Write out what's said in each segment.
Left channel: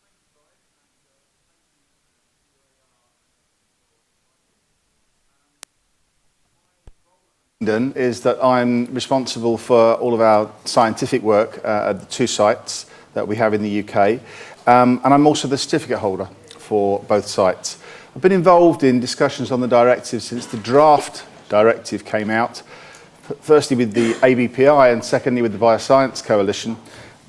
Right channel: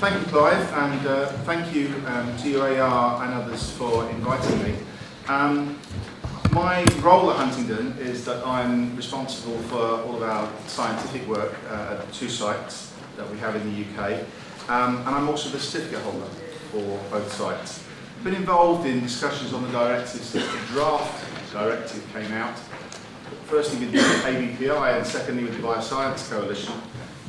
Thank you, Clive, and thank you to UAR and others for inviting me. My role at Huntingdon is that I'm responsible for all of our scientific work at the two sites that we have in the UK, and I'm also the certificate holder for both sites. I've been involved in discussions on the directive since the draft directive came out, firstly with the ABPI and secondly with the Bioscience Coalition.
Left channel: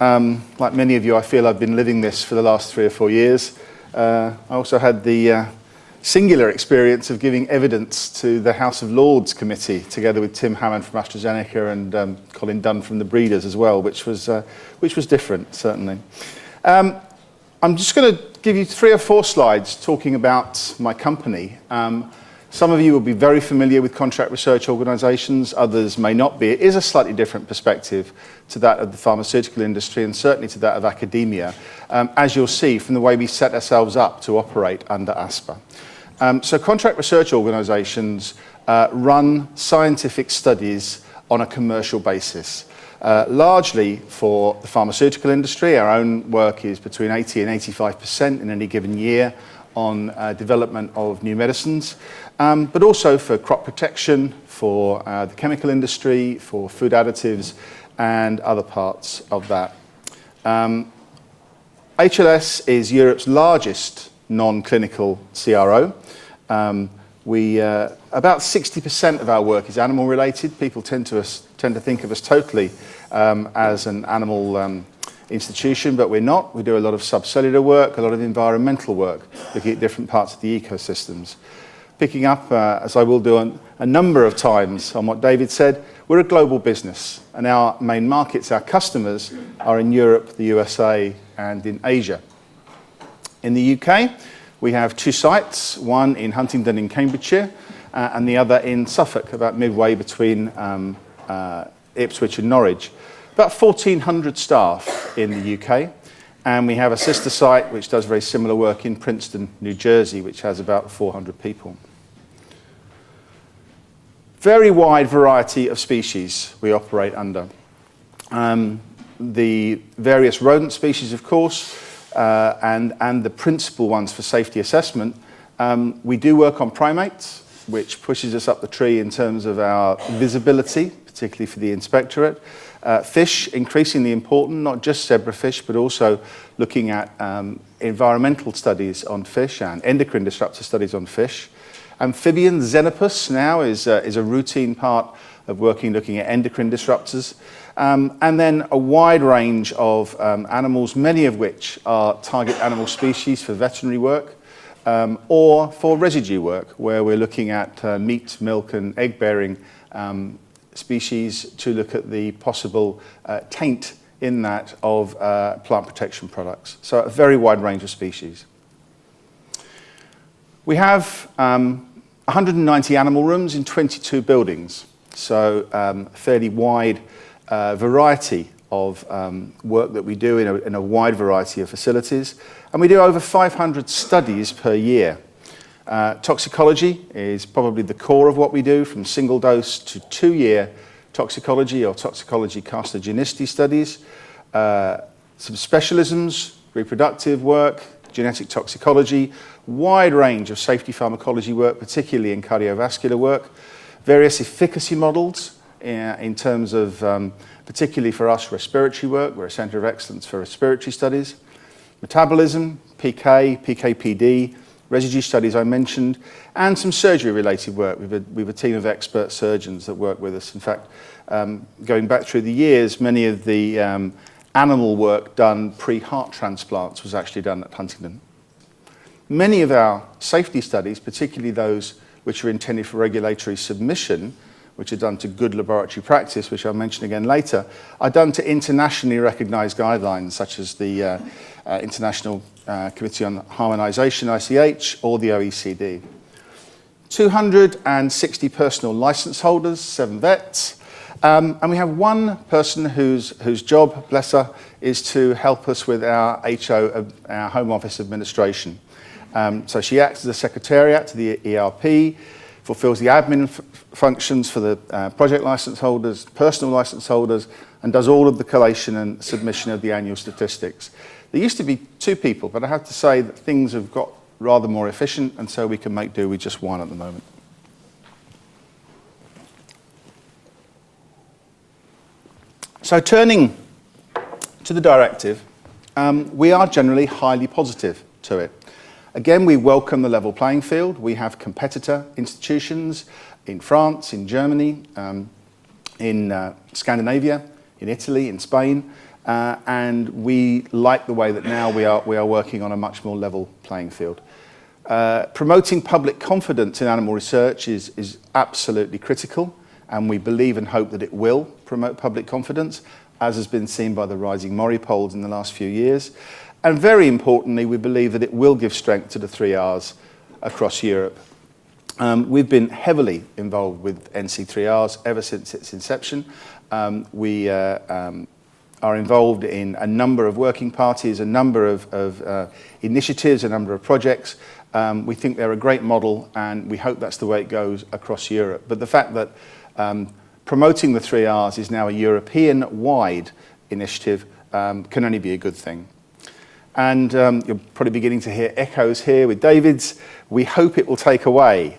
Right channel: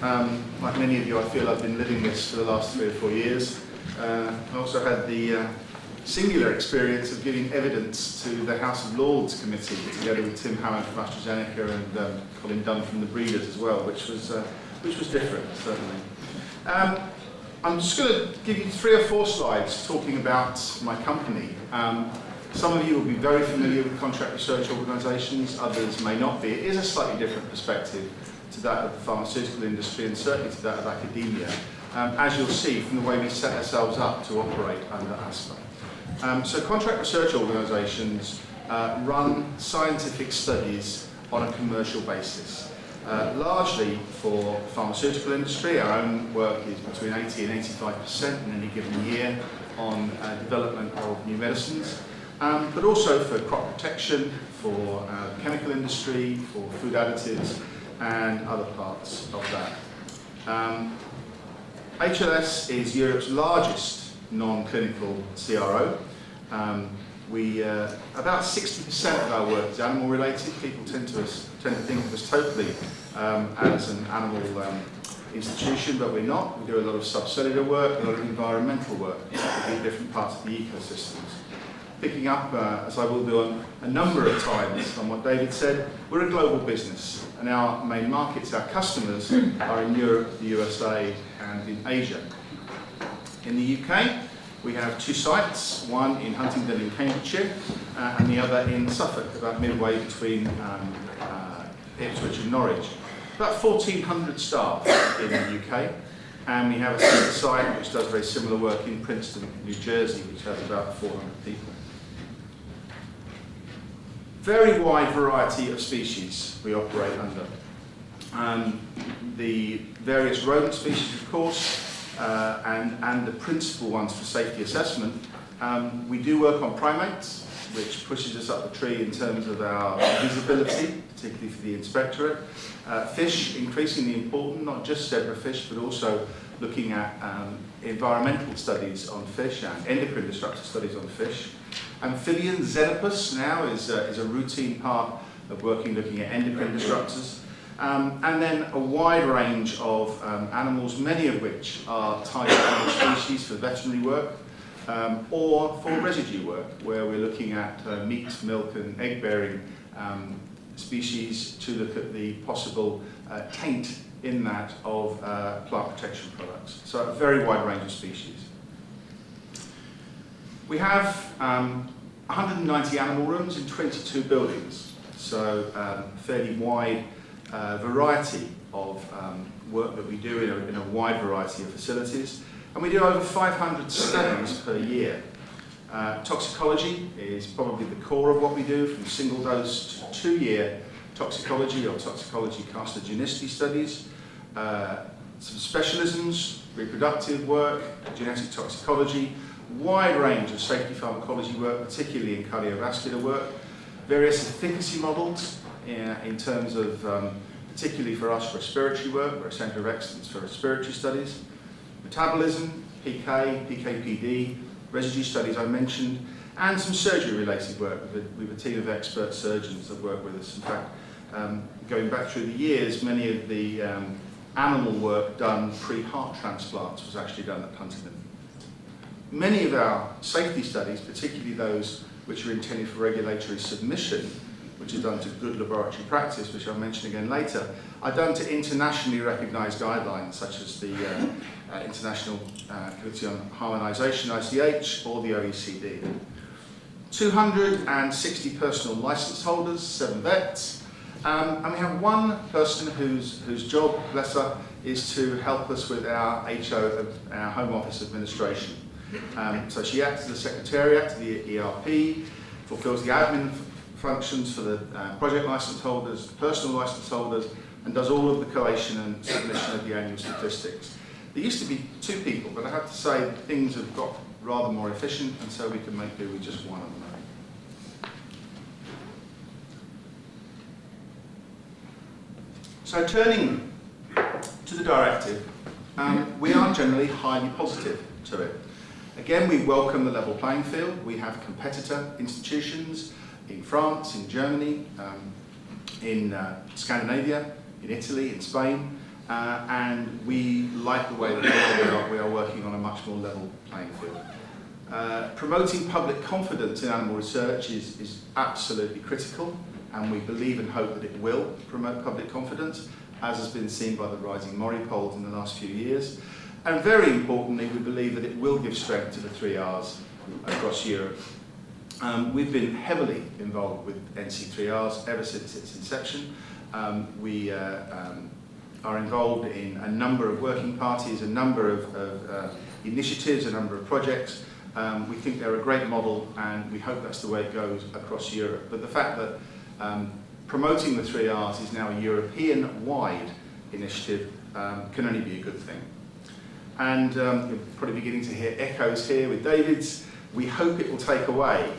Like many of you, I feel I've been living this for the last 3 or 4 years. I also had the singular experience of giving evidence to the House of Lords Committee, together with Tim Hammond from AstraZeneca and Colin Dunn from the Breeders as well, which was different, certainly. I'm just going to give you 3 or 4 slides talking about my company. Some of you will be very familiar with contract research organisations, others may not be. It is a slightly different perspective to that of the pharmaceutical industry and certainly to that of academia, as you'll see from the way we set ourselves up to operate under ASPA. So contract research organisations run scientific studies on a commercial basis, largely for the pharmaceutical industry. Our own work is between 80 and 85% in any given year on development of new medicines, but also for crop protection, for the chemical industry, for food additives, and other parts of that. HLS is Europe's largest non-clinical CRO. About 60% of our work is animal related. People tend to think of us totally as an animal institution, but we're not. We do a lot of subcellular work, a lot of environmental work, looking at different parts of the ecosystems. Picking up, as I will do a number of times on what David said, we're a global business, and our main markets, our customers, are in Europe, the USA, and in Asia. In the UK, we have 2 sites, one in Huntingdon in Cambridgeshire, and the other in Suffolk, about midway between Ipswich and Norwich. About 1,400 staff in the UK, and we have a sister site which does very similar work in Princeton, New Jersey, which has about 400 people. Very wide variety of species we operate under. The various rodent species, of course, and the principal ones for safety assessment. We do work on primates, which pushes us up the tree in terms of our visibility, particularly for the inspectorate. Fish, increasingly important, not just zebrafish, but also looking at environmental studies on fish and endocrine disruptor studies on fish. Amphibians, xenopus now is a routine part of working looking at endocrine disruptors. And then a wide range of animals, many of which are target animal species for veterinary work or for residue work, where we're looking at meat, milk and egg-bearing species to look at the possible taint in that of plant protection products. So a very wide range of species. We have 190 animal rooms in 22 buildings, so fairly wide variety of work that we do in a wide variety of facilities. And we do over 500 studies per year. Toxicology is probably the core of what we do, from single dose to 2-year toxicology or toxicology carcinogenicity studies. Some specialisms, reproductive work, genetic toxicology, wide range of safety pharmacology work, particularly in cardiovascular work, various efficacy models in terms of, particularly for us, respiratory work. We're a centre of excellence for respiratory studies, metabolism, PK, PK/PD, residue studies I mentioned, and some surgery-related work. We have a team of expert surgeons that work with us. In fact, going back through the years, many of the animal work done pre-heart transplants was actually done at Huntingdon. Many of our safety studies, particularly those which are intended for regulatory submission, which are done to good laboratory practice, which I'll mention again later, are done to internationally recognised guidelines, such as the International Committee on Harmonisation, ICH, or the OECD. 260 personal licence holders, 7 vets, and we have one person whose job, bless her, is to help us with our HO, our Home Office administration. So she acts as a secretariat to the ERP, fulfills the admin functions for the project licence holders, personal licence holders, and does all of the collation and submission of the annual statistics. There used to be 2 people, but I have to say that things have got rather more efficient, and so we can make do with just 1 at the moment. So turning to the directive, we are generally highly positive to it. Again, we welcome the level playing field. We have competitor institutions in France, in Germany, in Scandinavia, in Italy, in Spain, and we like the way that now we are working on a much more level playing field. Promoting public confidence in animal research is absolutely critical, and we believe and hope that it will promote public confidence, as has been seen by the rising Mori polls in the last few years. And very importantly, we believe that it will give strength to the 3 Rs across Europe. We've been heavily involved with NC3Rs ever since its inception. We are involved in a number of working parties, a number of initiatives, a number of projects. We think they're a great model, and we hope that's the way it goes across Europe. But the fact that promoting the 3 Rs is now a European-wide initiative can only be a good thing. And you're probably beginning to hear echoes here with David's. We hope it will take away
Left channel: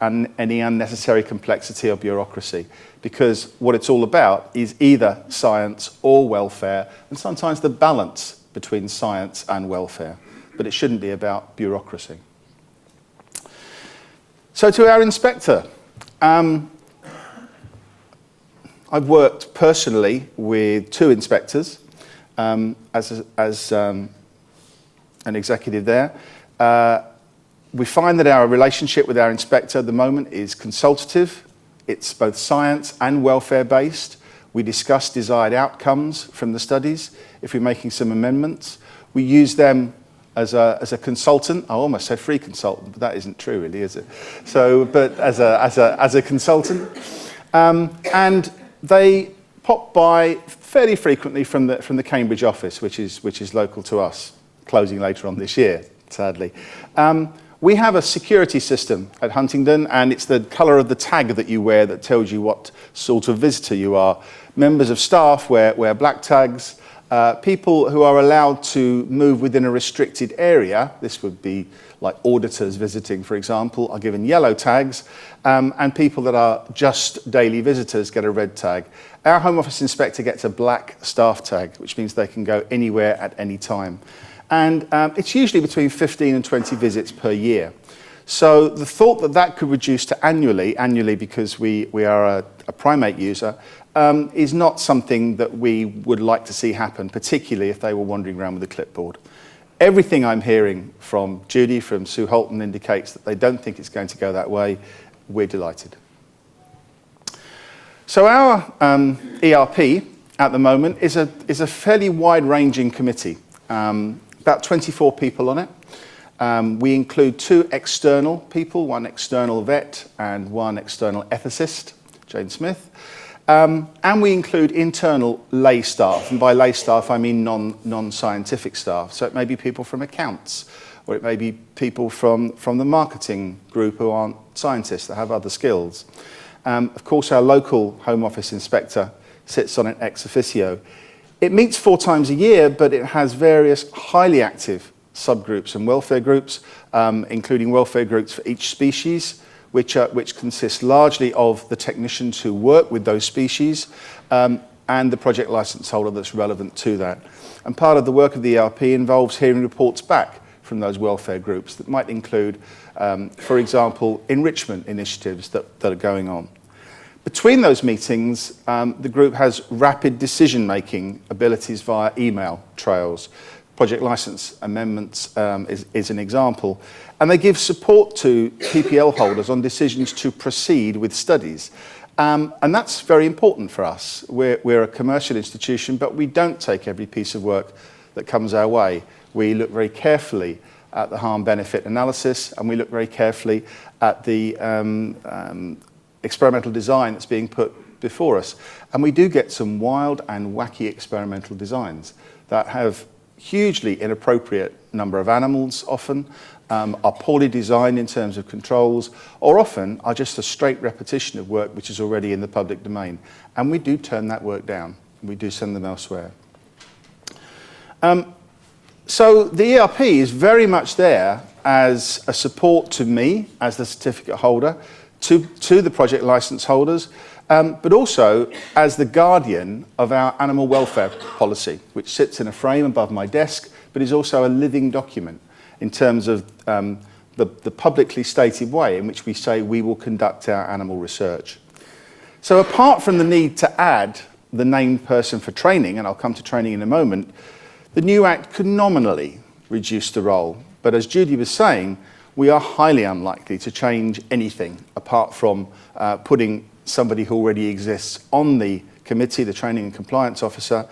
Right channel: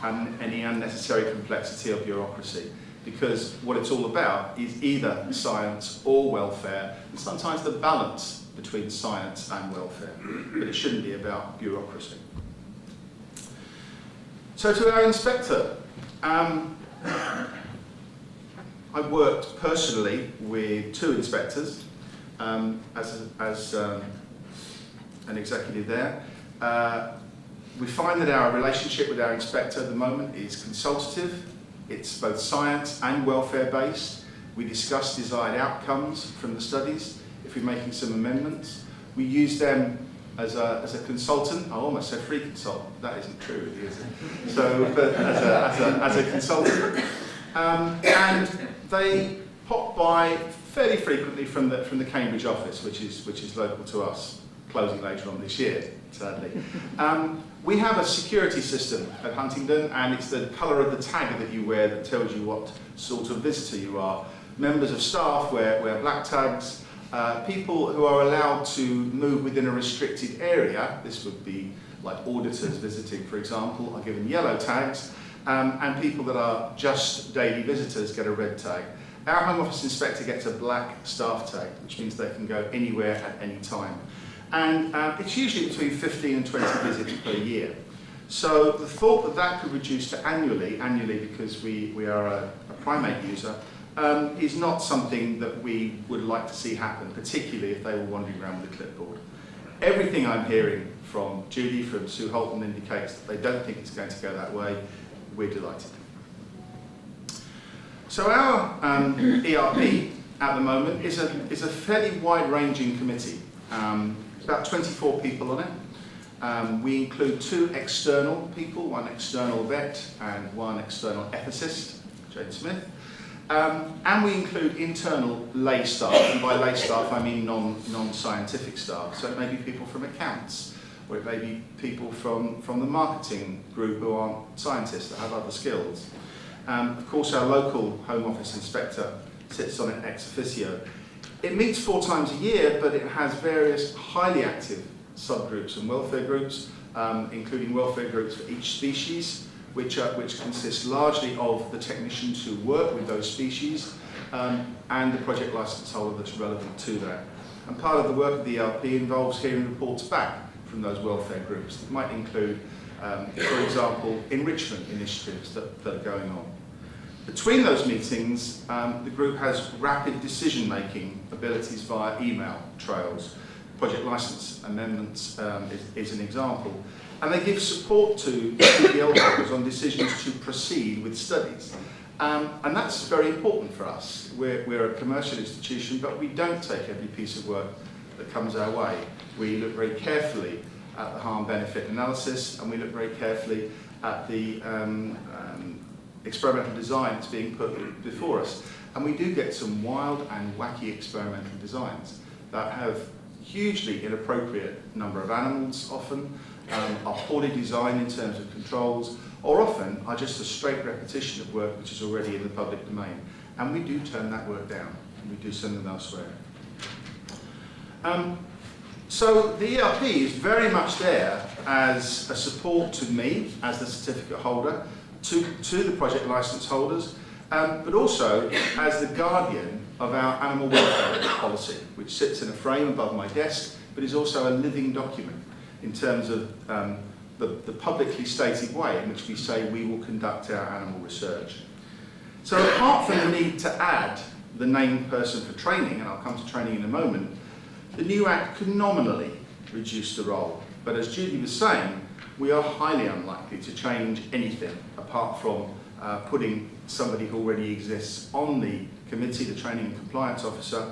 any unnecessary complexity or bureaucracy, because what it's all about is either science or welfare, and sometimes the balance between science and welfare. But it shouldn't be about bureaucracy. So to our inspector. I've worked personally with 2 inspectors as an executive there. We find that our relationship with our inspector at the moment is consultative. It's both science and welfare based. We discuss desired outcomes from the studies. If we're making some amendments, we use them as a consultant. I almost said free consultant, but that isn't true really, is it? So, but as a consultant. And they pop by fairly frequently from the Cambridge office, which is local to us, closing later on this year, sadly. We have a security system at Huntingdon, and it's the colour of the tag that you wear that tells you what sort of visitor you are. Members of staff wear black tags. People who are allowed to move within a restricted area, this would be like auditors visiting, for example, are given yellow tags. And people that are just daily visitors get a red tag. Our Home Office inspector gets a black staff tag, which means they can go anywhere at any time. And it's usually between 15 and 20 visits per year. So the thought that that could reduce to annually because we are a primate user, is not something that we would like to see happen, particularly if they were wandering around with a clipboard. Everything I'm hearing from Judy, from Sue Holton, indicates that they don't think it's going to go that way. We're delighted. So our ERP at the moment is a fairly wide-ranging committee. About 24 people on it. We include 2 external people, 1 external vet and 1 external ethicist, Jane Smith. And we include internal lay staff, and by lay staff I mean non-scientific staff. So it may be people from accounts, or it may be people from the marketing group who aren't scientists, that have other skills. Of course, our local Home Office inspector sits on it ex officio. It meets 4 times a year, but it has various highly active subgroups and welfare groups, including welfare groups for each species, which consist largely of the technicians who work with those species, and the project license holder that's relevant to that. And part of the work of the ERP involves hearing reports back from those welfare groups that might include, for example, enrichment initiatives that are going on. Between those meetings, the group has rapid decision-making abilities via email trails. Project license amendments is an example. And they give support to PPL holders on decisions to proceed with studies. And that's very important for us. We're a commercial institution, but we don't take every piece of work that comes our way. We look very carefully at the harm-benefit analysis, and we look very carefully at the experimental design that's being put before us. And we do get some wild and wacky experimental designs that have hugely inappropriate number of animals often, are poorly designed in terms of controls, or often are just a straight repetition of work which is already in the public domain. And we do turn that work down, and we do send them elsewhere. So the ERP is very much there as a support to me as the certificate holder, to the project license holders, but also as the guardian of our animal welfare policy, which sits in a frame above my desk, but is also a living document in terms of the publicly stated way in which we say we will conduct our animal research. So apart from the need to add the named person for training, and I'll come to training in a moment, the new Act could nominally reduce the role. But as Judy was saying, we are highly unlikely to change anything apart from putting somebody who already exists on the committee, the Training and Compliance Officer.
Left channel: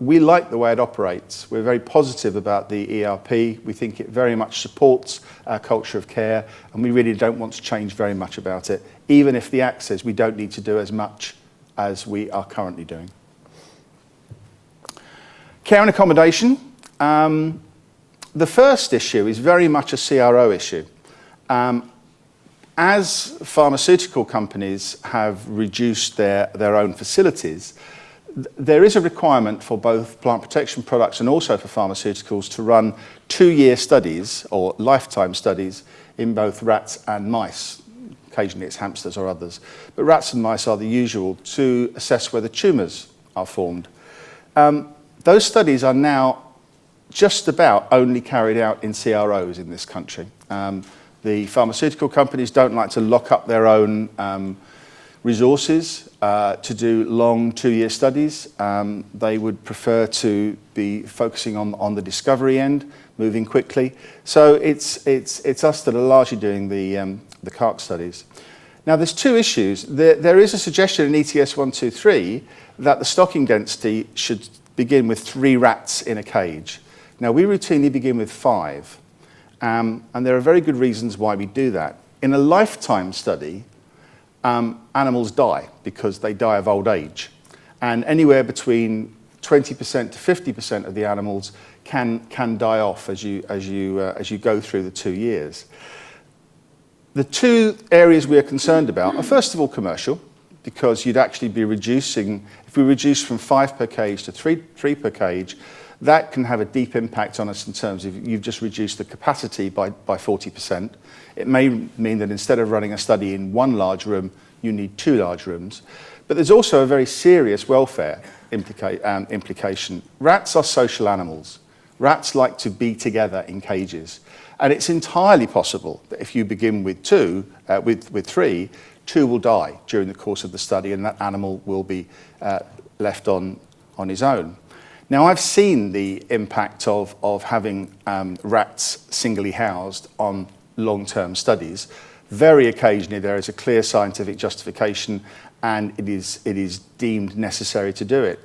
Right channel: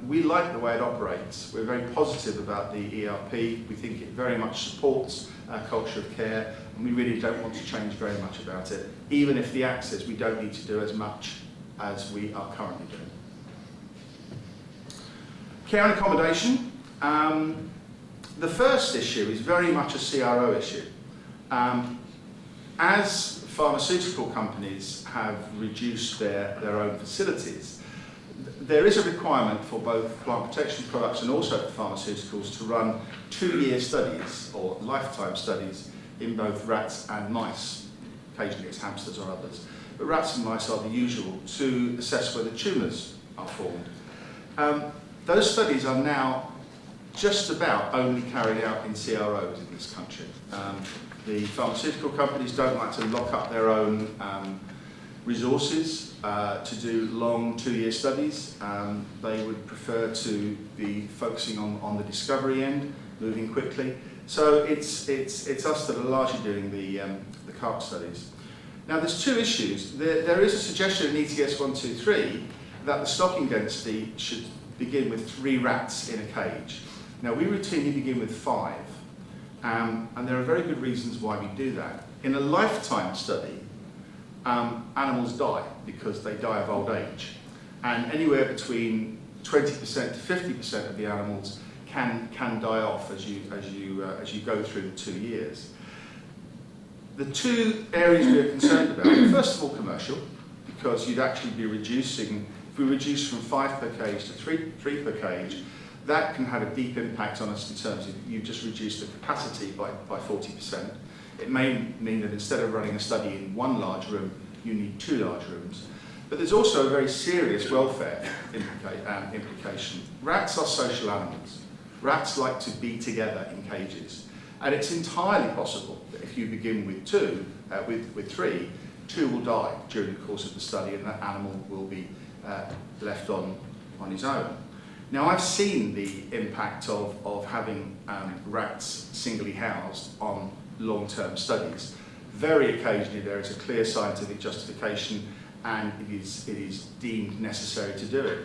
We like the way it operates. We're very positive about the ERP. We think it very much supports our culture of care, and we really don't want to change very much about it, even if the Act says we don't need to do as much as we are currently doing. Care and accommodation. The first issue is very much a CRO issue. As pharmaceutical companies have reduced their own facilities, there is a requirement for both plant protection products and also for pharmaceuticals to run 2-year studies or lifetime studies in both rats and mice. Occasionally it's hamsters or others. But rats and mice are the usual to assess whether tumours are formed. Those studies are now just about only carried out in CROs in this country. The pharmaceutical companies don't like to lock up their own resources to do long 2-year studies. They would prefer to be focusing on the discovery end, moving quickly. So it's us that are largely doing the CARC studies. Now there's 2 issues. There is a suggestion in ETS 123 that the stocking density should begin with 3 rats in a cage. Now we routinely begin with 5, and there are very good reasons why we do that. In a lifetime study, animals die because they die of old age, and anywhere between 20% to 50% of the animals can die off as you go through the 2 years. The 2 areas we are concerned about are first of all commercial, because you'd actually be reducing. If we reduce from 5 per cage to 3 per cage, that can have a deep impact on us in terms of you've just reduced the capacity by 40%. It may mean that instead of running a study in 1 large room, you need 2 large rooms. But there's also a very serious welfare implication. Rats are social animals. Rats like to be together in cages. And it's entirely possible that if you begin with 3, 2 will die during the course of the study, and that animal will be left on his own. Now, I've seen the impact of having rats singly housed on long-term studies. Very occasionally there is a clear scientific justification, and it is deemed necessary to do it.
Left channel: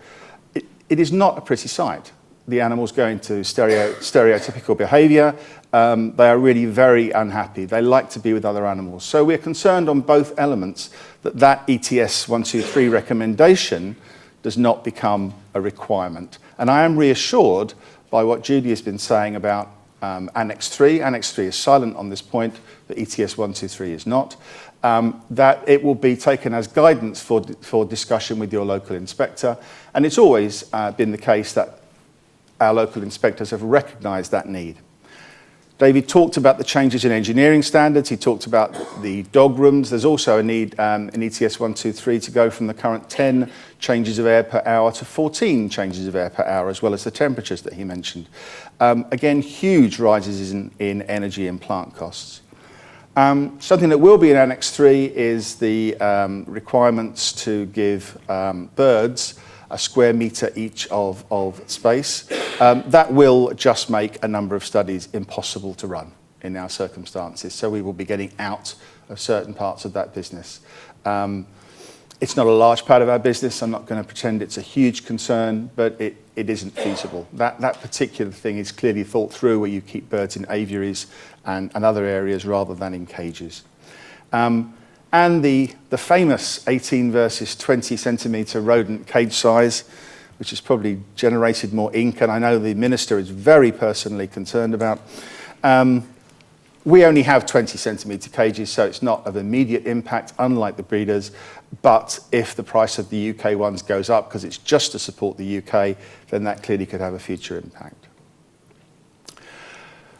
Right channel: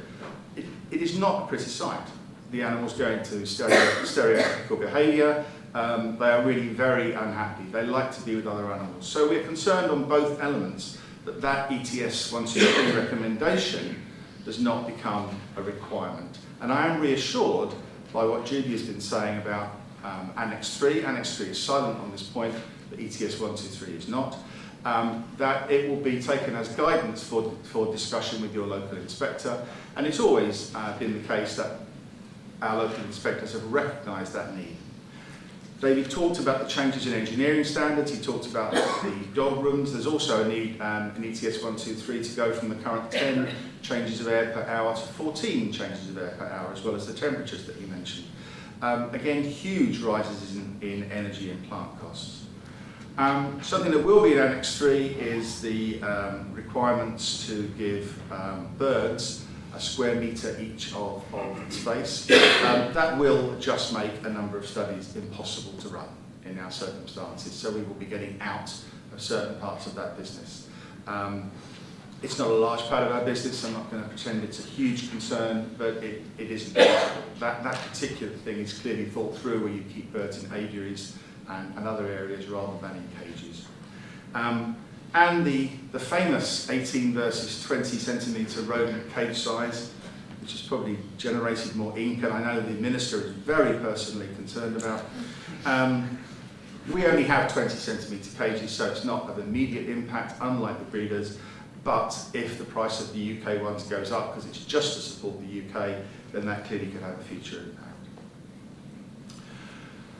It is not a pretty sight. The animals go into stereotypical behaviour. They are really very unhappy. They like to be with other animals. So we're concerned on both elements that ETS 123 recommendation does not become a requirement. And I am reassured by what Judy has been saying about Annex 3. Annex 3 is silent on this point, but ETS 123 is not. That it will be taken as guidance for discussion with your local inspector. And it's always been the case that our local inspectors have recognised that need. David talked about the changes in engineering standards. He talked about the dog rooms. There's also a need in ETS 123 to go from the current 10 changes of air per hour to 14 changes of air per hour, as well as the temperatures that he mentioned. Again, huge rises in energy and plant costs. Something that will be in Annex 3 is the requirements to give birds a square metre each of space. That will just make a number of studies impossible to run in our circumstances, so we will be getting out of certain parts of that business. It's not a large part of our business. I'm not going to pretend it's a huge concern, but it isn't feasible. That particular thing is clearly thought through, where you keep birds in aviaries and other areas rather than in cages. And the famous 18 versus 20 centimetre rodent cage size, which has probably generated more ink, and I know the Minister is very personally concerned about. We only have 20 centimetre cages, so it's not of immediate impact, unlike the breeders. But if the price of the UK ones goes up, because it's just to support the UK, then that clearly could have a future impact.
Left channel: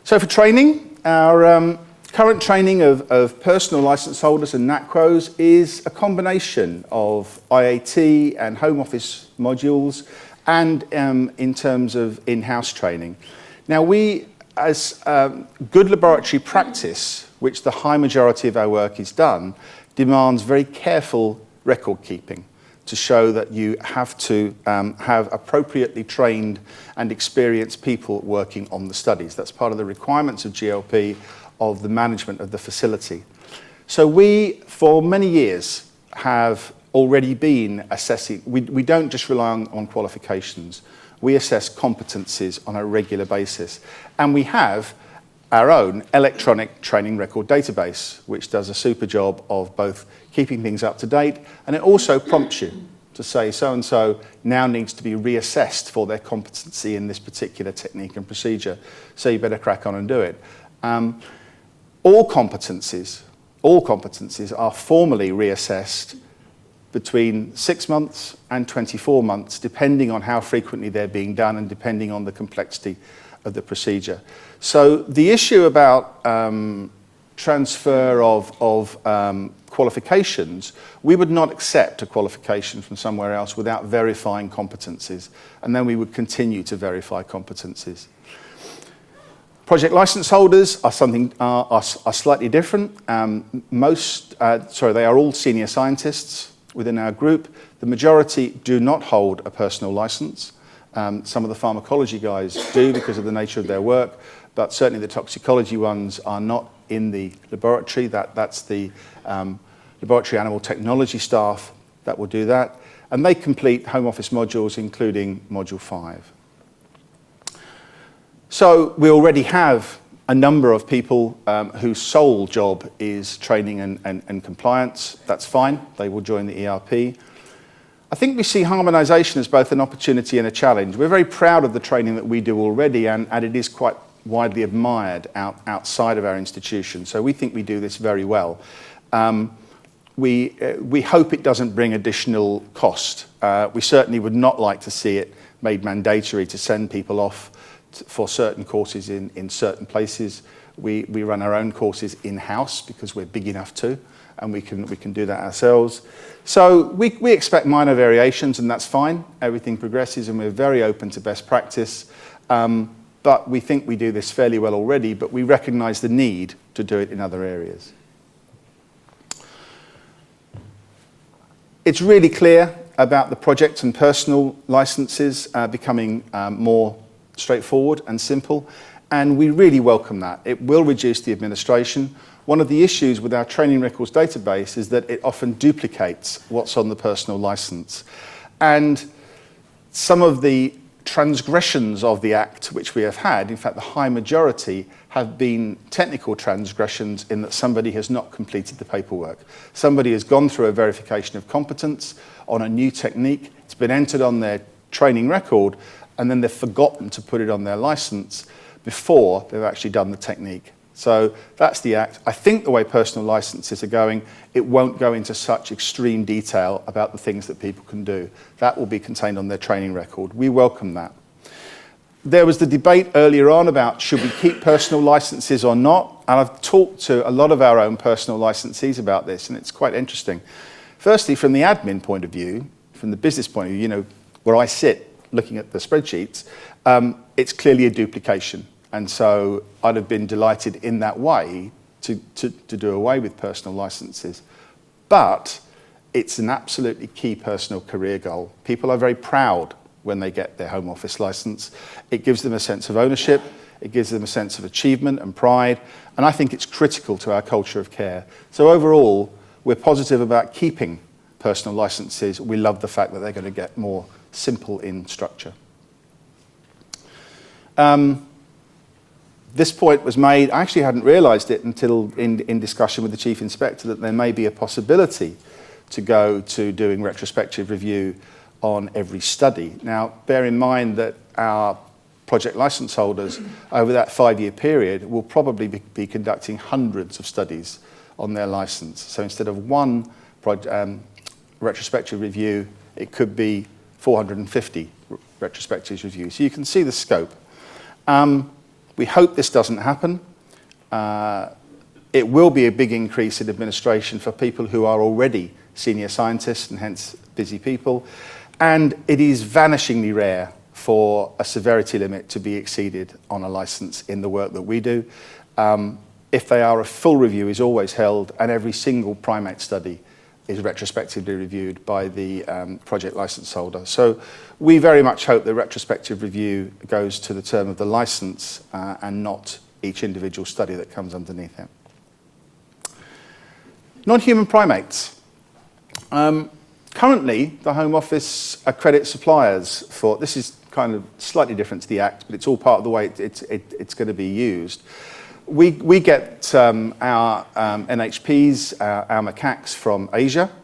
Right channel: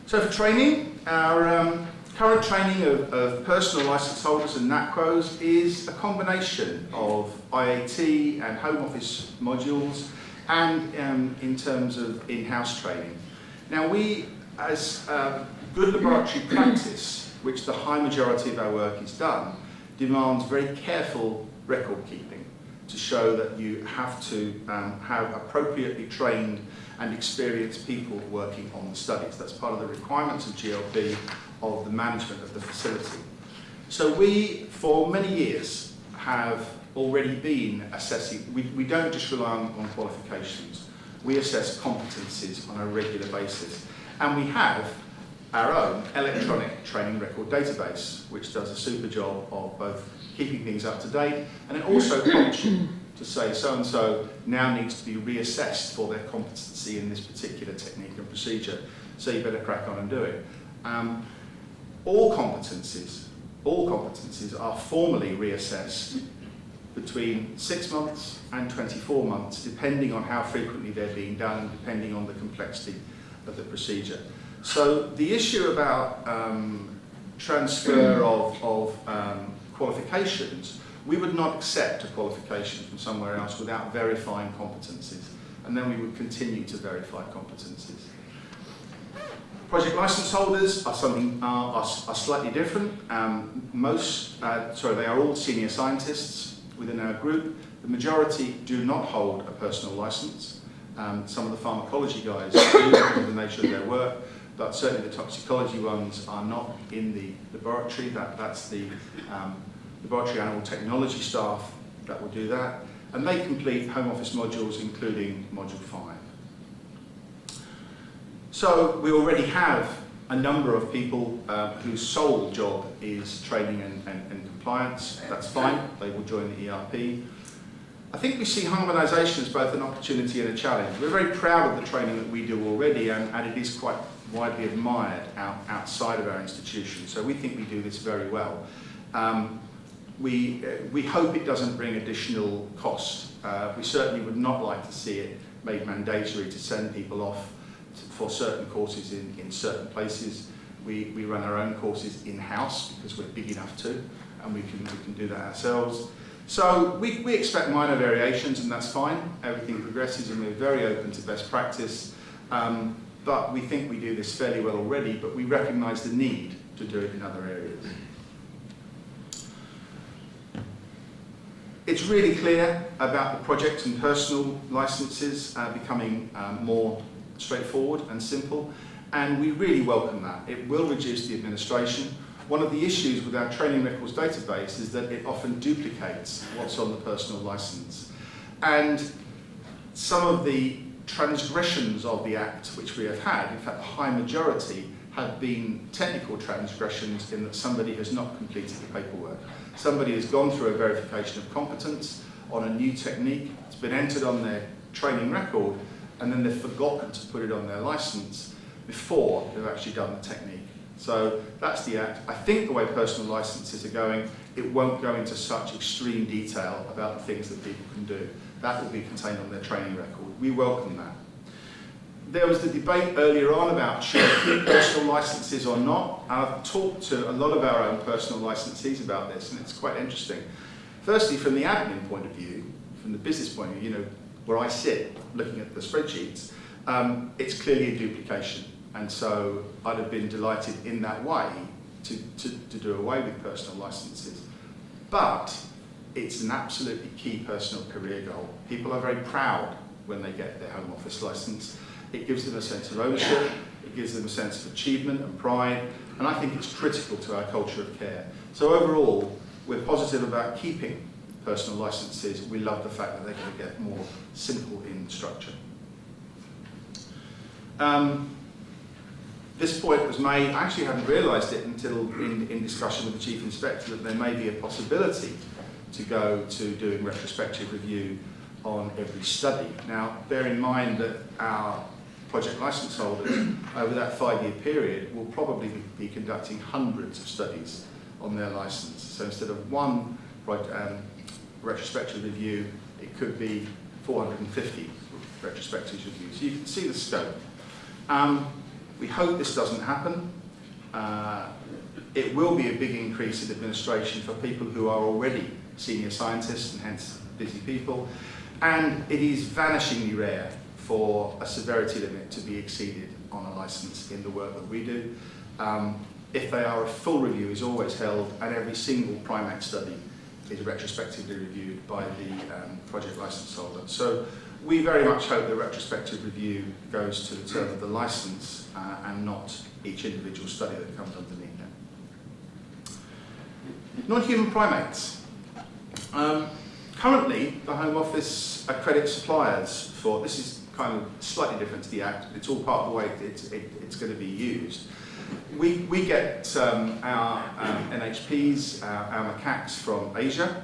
So for training, our current training of personal licence holders and NACROs is a combination of IAT and home office modules and in terms of in-house training. Now we, as good laboratory practice, which the high majority of our work is done, demands very careful record keeping to show that you have to have appropriately trained and experienced people working on the studies. That's part of the requirements of GLP, of the management of the facility. So we, for many years, have already been assessing, we don't just rely on qualifications, we assess competencies on a regular basis. And we have our own electronic training record database, which does a super job of both keeping things up to date, and it also prompts you to say so-and-so now needs to be reassessed for their competency in this particular technique and procedure, so you better crack on and do it. All competencies are formally reassessed between 6 months and 24 months, depending on how frequently they're being done and depending on the complexity of the procedure. So the issue about transfer of qualifications, we would not accept a qualification from somewhere else without verifying competencies, and then we would continue to verify competencies. Project license holders are slightly different. They are all senior scientists within our group. The majority do not hold a personal license. Some of the pharmacology guys do because of the nature of their work, but certainly the toxicology ones are not in the laboratory. That's the laboratory animal technology staff that will do that. And they complete home office modules, including module 5. So we already have a number of people whose sole job is training and compliance. That's fine, they will join the ERP. I think we see harmonisation as both an opportunity and a challenge. We're very proud of the training that we do already, and it is quite widely admired outside of our institution. So we think we do this very well. We hope it doesn't bring additional cost. We certainly would not like to see it made mandatory to send people off for certain courses in certain places. We run our own courses in-house because we're big enough to, and we can do that ourselves. So we expect minor variations, and that's fine. Everything progresses, and we're very open to best practice. But we think we do this fairly well already, but we recognise the need to do it in other areas. It's really clear about the project and personal licenses becoming more straightforward and simple, and we really welcome that. It will reduce the administration. One of the issues with our training records database is that it often duplicates what's on the personal license. And some of the transgressions of the Act which we have had, in fact the high majority, have been technical transgressions in that somebody has not completed the paperwork. Somebody has gone through a verification of competence on a new technique, it's been entered on their training record, and then they've forgotten to put it on their license before they've actually done the technique. So that's the Act. I think the way personal licenses are going, it won't go into such extreme detail about the things that people can do. That will be contained on their training record. We welcome that. There was the debate earlier on about should we keep personal licenses or not, and I've talked to a lot of our own personal licensees about this, and it's quite interesting. Firstly, from the admin point of view, from the business point of view, you know, where I sit looking at the spreadsheets, it's clearly a duplication. And so I'd have been delighted in that way to do away with personal licenses. But it's an absolutely key personal career goal. People are very proud when they get their home office license. It gives them a sense of ownership, it gives them a sense of achievement and pride, and I think it's critical to our culture of care. So overall, we're positive about keeping personal licenses. We love the fact that they're going to get more simple in structure. This point was made, I actually hadn't realised it until in discussion with the Chief Inspector, that there may be a possibility to go to doing retrospective review on every study. Now, bear in mind that our project licence holders over that 5-year period will probably be conducting hundreds of studies on their licence. So instead of one retrospective review, it could be 450 retrospective reviews. So you can see the scope. We hope this doesn't happen. It will be a big increase in administration for people who are already senior scientists and hence busy people. And it is vanishingly rare for a severity limit to be exceeded on a license in the work that we do. If they are, a full review is always held, and every single primate study is retrospectively reviewed by the project license holder. So we very much hope the retrospective review goes to the term of the license and not each individual study that comes underneath it. Non-human primates. Currently, the Home Office accredits suppliers for, this is kind of slightly different to the Act, but it's all part of the way it's going to be used. We get our NHPs, our macaques from Asia.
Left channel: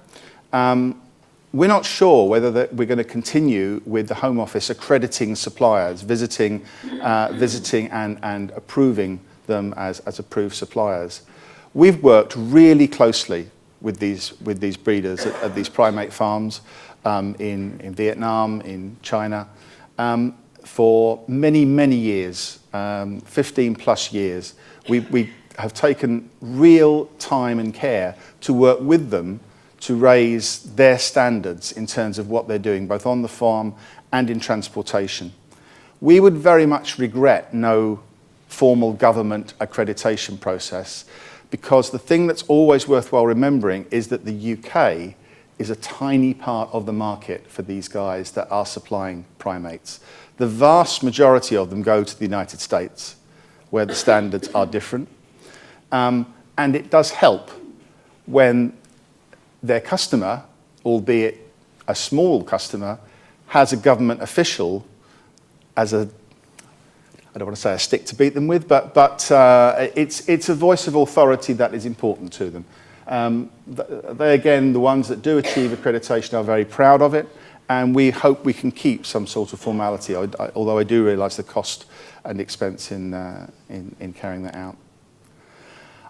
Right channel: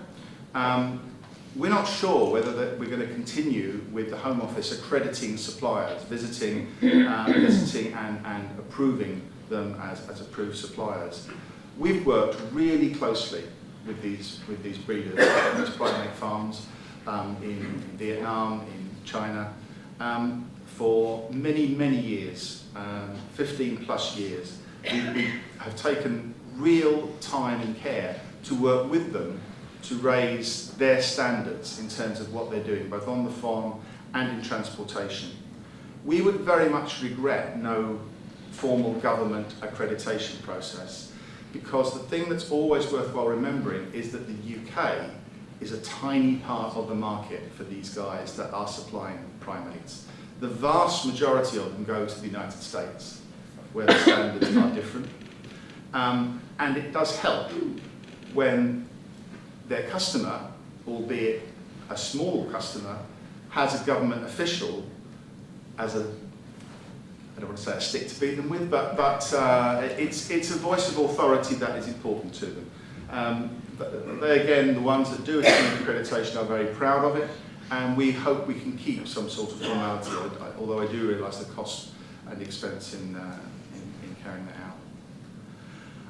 We're not sure whether we're going to continue with the Home Office accrediting suppliers, visiting and approving them as approved suppliers. We've worked really closely with these breeders of these primate farms in Vietnam, in China, for many, many years, 15 plus years. We have taken real time and care to work with them to raise their standards in terms of what they're doing, both on the farm and in transportation. We would very much regret no formal government accreditation process, because the thing that's always worthwhile remembering is that the UK is a tiny part of the market for these guys that are supplying primates. The vast majority of them go to the United States, where the standards are different. And it does help when their customer, albeit a small customer, has a government official as a, I don't want to say a stick to beat them with, but it's a voice of authority that is important to them. They, again, the ones that do achieve accreditation are very proud of it, and we hope we can keep some sort of formality, although I do realise the cost and expense in carrying that out.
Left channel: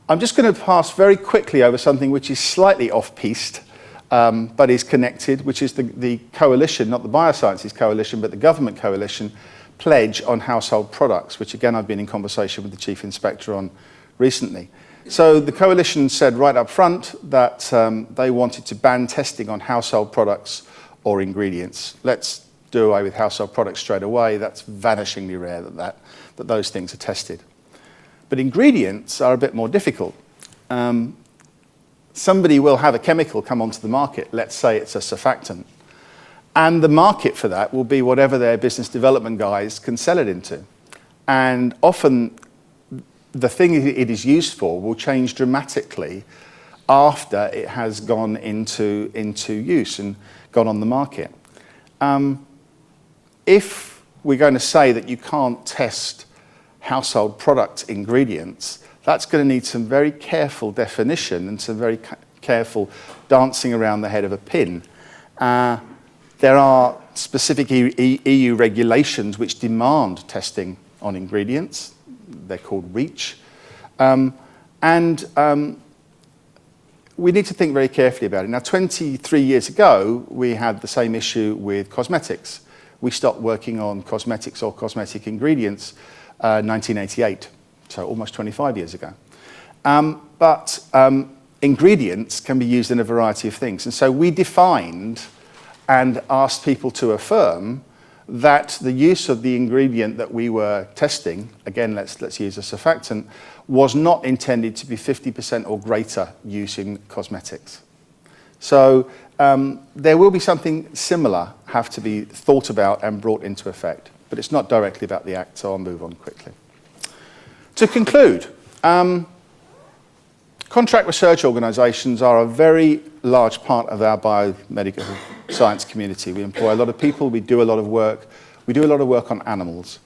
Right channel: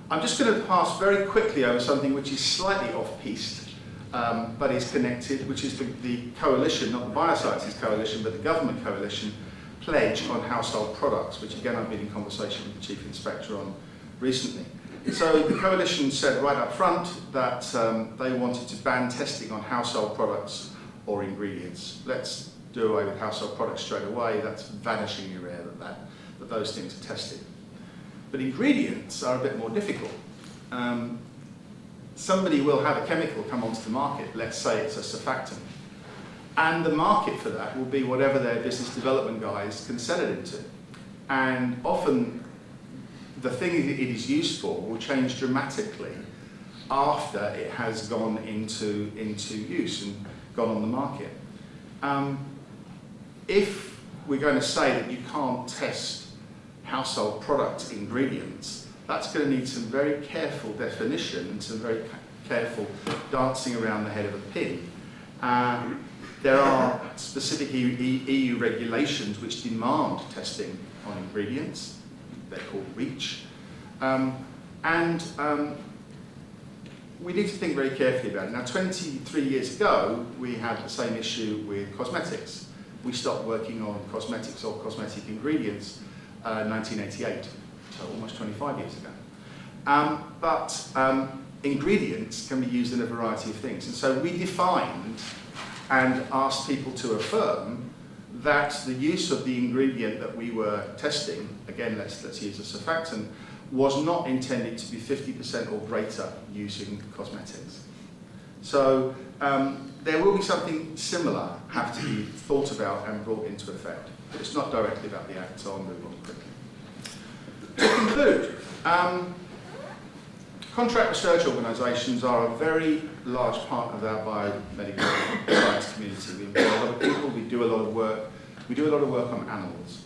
I'm just going to pass very quickly over something which is slightly off-piste, but is connected, which is the coalition, not the Biosciences Coalition, but the government coalition pledge on household products, which again I've been in conversation with the Chief Inspector on recently. So the coalition said right up front that they wanted to ban testing on household products or ingredients. Let's do away with household products straight away. That's vanishingly rare that those things are tested. But ingredients are a bit more difficult. Somebody will have a chemical come onto the market, let's say it's a surfactant, and the market for that will be whatever their business development guys can sell it into. And often the thing it is used for will change dramatically after it has gone into use and gone on the market. If we're going to say that you can't test household product ingredients, that's going to need some very careful definition and some very careful dancing around the head of a pin. There are specific EU regulations which demand testing on ingredients. They're called REACH. We need to think very carefully about it. Now, 23 years ago, we had the same issue with cosmetics. We stopped working on cosmetics or cosmetic ingredients 1988, so almost 25 years ago. But ingredients can be used in a variety of things. And so we defined and asked people to affirm that the use of the ingredient that we were testing, again, let's use a surfactant, was not intended to be 50% or greater use in cosmetics. So there will be something similar have to be thought about and brought into effect, but it's not directly about the Act, so I'll move on quickly. To conclude, contract research organisations are a very large part of our biomedical science community. We employ a lot of people, we do a lot of work. We do a lot of work on animals.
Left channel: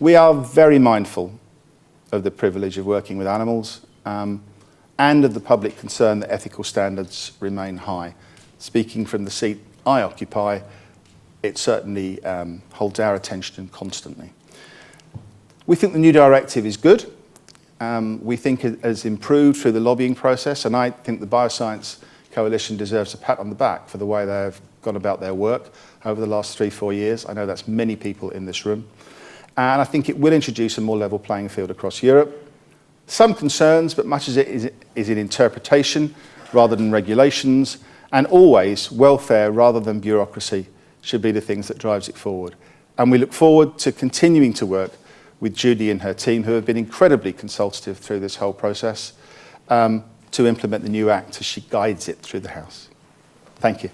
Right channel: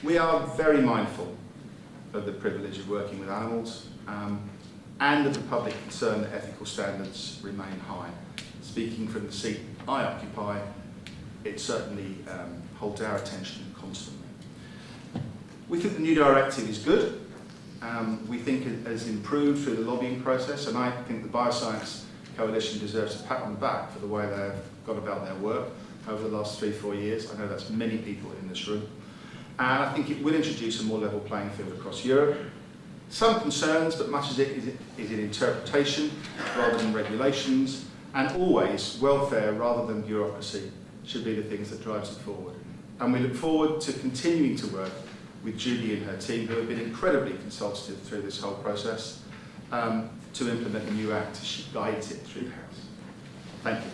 We are very mindful of the privilege of working with animals and of the public concern that ethical standards remain high. Speaking from the seat I occupy, it certainly holds our attention constantly. We think the new directive is good. We think it has improved through the lobbying process, and I think the Bioscience Coalition deserves a pat on the back for the way they have gone about their work over the last 3-4 years. I know that's many people in this room. and I think it will introduce a more level playing field across Europe. Some concerns, but much of it is in interpretation rather than regulations, and always welfare rather than bureaucracy should be the things that drives it forward. And we look forward to continuing to work with Judy and her team, who have been incredibly consultative through this whole process, to implement the new Act as she guides it through the House. Thank you.